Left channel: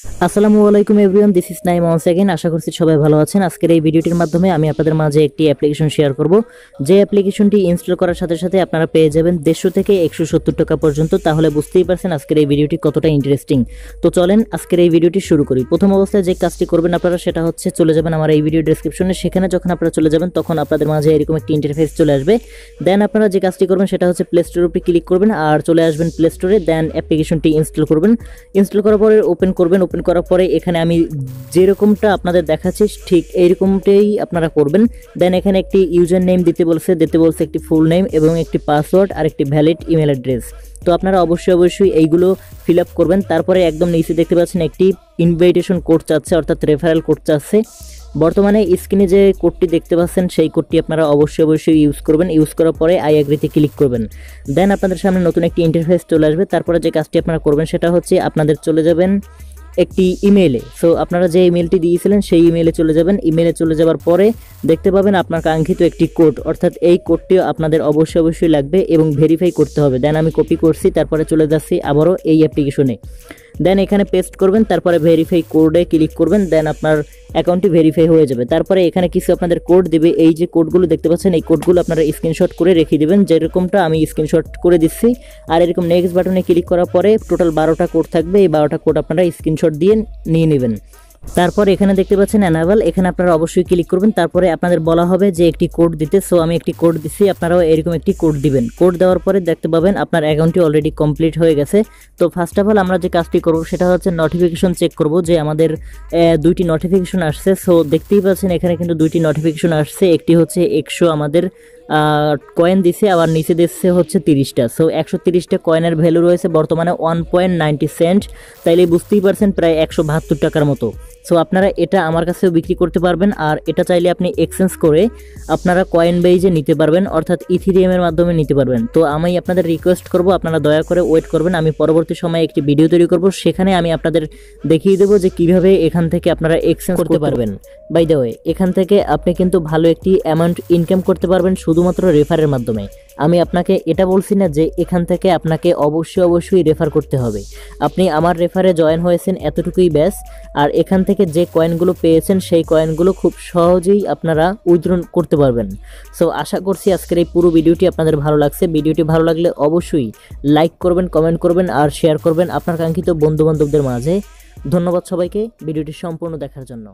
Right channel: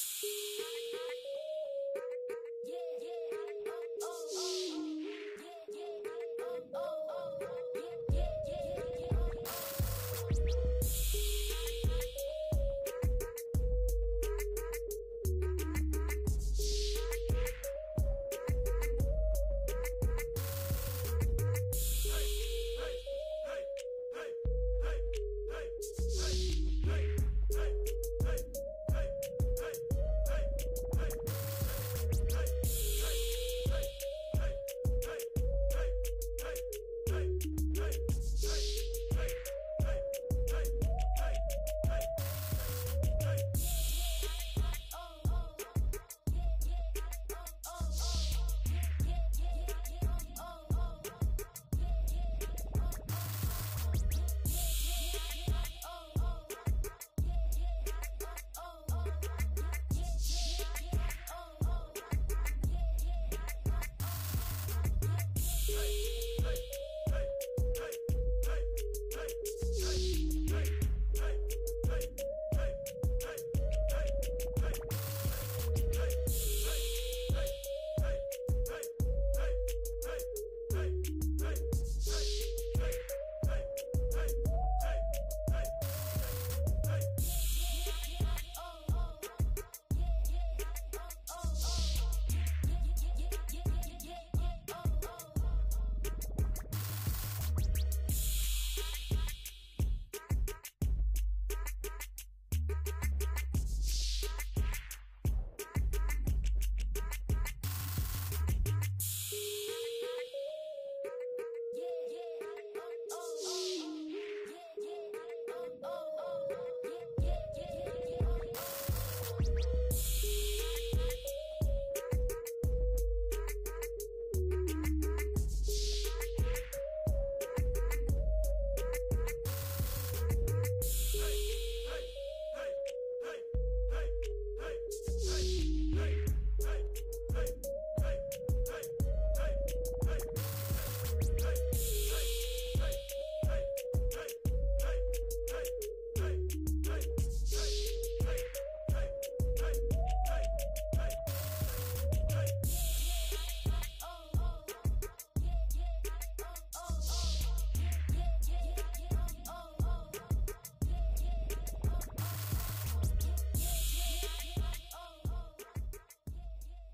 আসসালামু আলাইকুম everyone, this is Naim once again. আশা করছি সবাই ভালো আছেন। আজকের এই ভিডিওটির মাধ্যমে আমি আপনাদের মাঝে একটি অ্যাপ্লিকেশন শেয়ার করব, যে অ্যাপ্লিকেশনটি ইনস্টল করার সাথে সাথে আপনারা পেয়ে যাবেন 150 থেকে 170 টাকা পর্যন্ত। তাহলে বুঝতেই পারছেন আজকের এই ভিডিওটি কতটা ইন্টারেস্টিং। তো চলেন আজকের এই ভিডিওটি শুরু করি। প্রথম অবস্থায় যে কাজটি করবেন আপনারা সেটা হচ্ছে চলে যাবেন আমার এই ভিডিও ডেসক্রিপশনে। সেখানে যখন আপনারা চলে যাবেন তখন আপনাদের মাঝে এরকম একটি ইন্টারফেস চলে আসবে। দেন আপনারা যে কাজটি করবেন সেটা হচ্ছে প্লে স্টোরের উপরে ক্লিক করবেন আর চলে আসবেন প্লে স্টোরে। দেন অ্যাপ্লিকেশনটি ইনস্টল করবেন। ইনস্টল করার পরে ওপেন করবেন। ওপেন করার পরে এখানে আমি যেরকমটা আপনাদের দেখাচ্ছি ঠিক এইরকমটাই আপনারা করবেন। দেন এখানে একটি ইউজার নেম দিতে বলছে একটি ফুল নেম এবং একটি পাসওয়ার্ড আর একটি ভ্যালিড ইমেল অ্যাড্রেস। তো আপনারা অবশ্যই এইগুলো ফিল আপ করবেন। তারপরে একদম নিচে দেখতে পাচ্ছেন একটি ইনভাইটেশন কোড চাচ্ছে, অর্থাৎ রেফারেল কোড চাচ্ছে। বর্তমানে স্ক্রিনে যে কোডটি দেখতে পাচ্ছেন সেই কোডটি আপনারা অবশ্যই ইউজ করবেন। ইউজ করার পরে আই এগ্রিতে ক্লিক করবেন। দেন আপনাদের সামনে নতুন একটি ইন্টারফেস চলে আসবে। তারপরে যে কাজটি আপনারা করবেন সেটা হচ্ছে আপনাদের চলে যাবেন একটি ইমেইলে। সো আপনারা যে ইমেলটি দিয়েছিলেন সেই ইমেইলে চলে যাবেন। ইমেইলে চলে যাওয়ার পরে দেখতে পাবেন আপনার কাঙ্ক্ষিত একটি কোড, অর্থাৎ এই কোডটিও আপনাদের অবশ্যই লাগবে এবং ভেরিফাই করতে হবে। দেন আমি কপি করছি, তারপরে চলে যাচ্ছি আবারও এই অ্যাপ্লিকেশনে। দেন এখানে পেস্ট করবেন, তারপরে ভেরিফাই কোডে ক্লিক করবেন। দেন আপনার অ্যাকাউন্টটি ভেরিফাই হয়ে যাবে। তারপরে এখানে কিছু আপনাদের কোড দিবে। এই যে কোডগুলো দেখতে পাচ্ছেন এই কোডগুলো আপনারা স্ক্রিনশট করে রেখে দিবেন, যেরকমটা আমি স্ক্রিনশট করে দিচ্ছি। আর এরকম নেক্সট বাটনে ক্লিক করার পরে টোটাল 12টা কোড থাকবে। এই 12টা কোড আপনারা স্ক্রিনশট দিয়ে নিয়ে নেবেন। তারপর এখানে দেখতে পাচ্ছেন অ্যানাবল, এখানে আপনারা অবশ্যই ক্লিক করবেন। তারপরে আপনাদের বলা হবে যে একটি কোড দিতে। সো আমি একটি কোড দিচ্ছি, আপনারাও এরকম একটি কোড দিবেন। কোড দেওয়ার পরে দেখতে পাবেন আপনার অ্যাকাউন্টটি অলরেডি কমপ্লিট হয়ে গেছে। তো ফার্স্ট অফ অল আমরা যে কাজটি করব সেটা হচ্ছে নোটিফিকেশন চেক করব, যে আমাদের দুইটি নোটিফিকেশন আসছে। সো দেখতেই পাচ্ছেন এখানে কিন্তু দুইটি নোটিফিকেশন আসছে। একটি হচ্ছে 100 আমাদের কয়েন দিছে, আবার নিচে দিচ্ছে হচ্ছে 30টা। সো 130টা কয়েনের ভ্যালু রয়েছে বর্তমানে 1.90 সেন্ট। তাইলে বুঝতেই পারছেন প্রায় 172 টাকার মতো। সো আপনারা এটা আমার কাছেও বিক্রি করতে পারবেন, আর এটা চাইলে আপনি এক্সচেঞ্জ করে আপনারা কয়েন বেজে নিতে পারবেন, অর্থাৎ ইথিরিয়ামের মাধ্যমে নিতে পারবেন। তো আমি আপনাদের রিকোয়েস্ট করব আপনারা দয়া করে ওয়েট করবেন। আমি পরবর্তী সময়ে একটি ভিডিও তৈরি করব, সেখানে আমি আপনাদের দেখিয়ে দেবো যে কিভাবে এখান থেকে আপনারা এক্সচেঞ্জ করতে পারবেন। বাই দ্য ওয়ে, এখান থেকে আপনি কিন্তু ভালো একটি অ্যামাউন্ট ইনকাম করতে পারবেন শুধুমাত্র রেফারের মাধ্যমে। আমি আপনাকে এটা বলছি না যে এখান থেকে আপনাকে অবশ্যই রেফার করতে হবে। আপনি আমার রেফারে জয়েন হয়েছেন এতটুকুই ব্যাস। আর এখান থেকে যে কয়েনগুলো পেয়েছেন সেই কয়েনগুলো খুব সহজেই আপনারা উইথড্র করতে পারবেন। সো আশা করছি আজকের এই পুরো ভিডিওটি আপনাদের ভালো লাগছে। ভিডিওটি ভালো লাগলে অবশ্যই লাইক করবেন, কমেন্ট করবেন আর শেয়ার করবেন আপনার কাঙ্ক্ষিত বন্ধুবান্ধবদের মাঝে। ধন্যবাদ সবাইকে ভিডিওটি সম্পূর্ণ দেখার জন্য।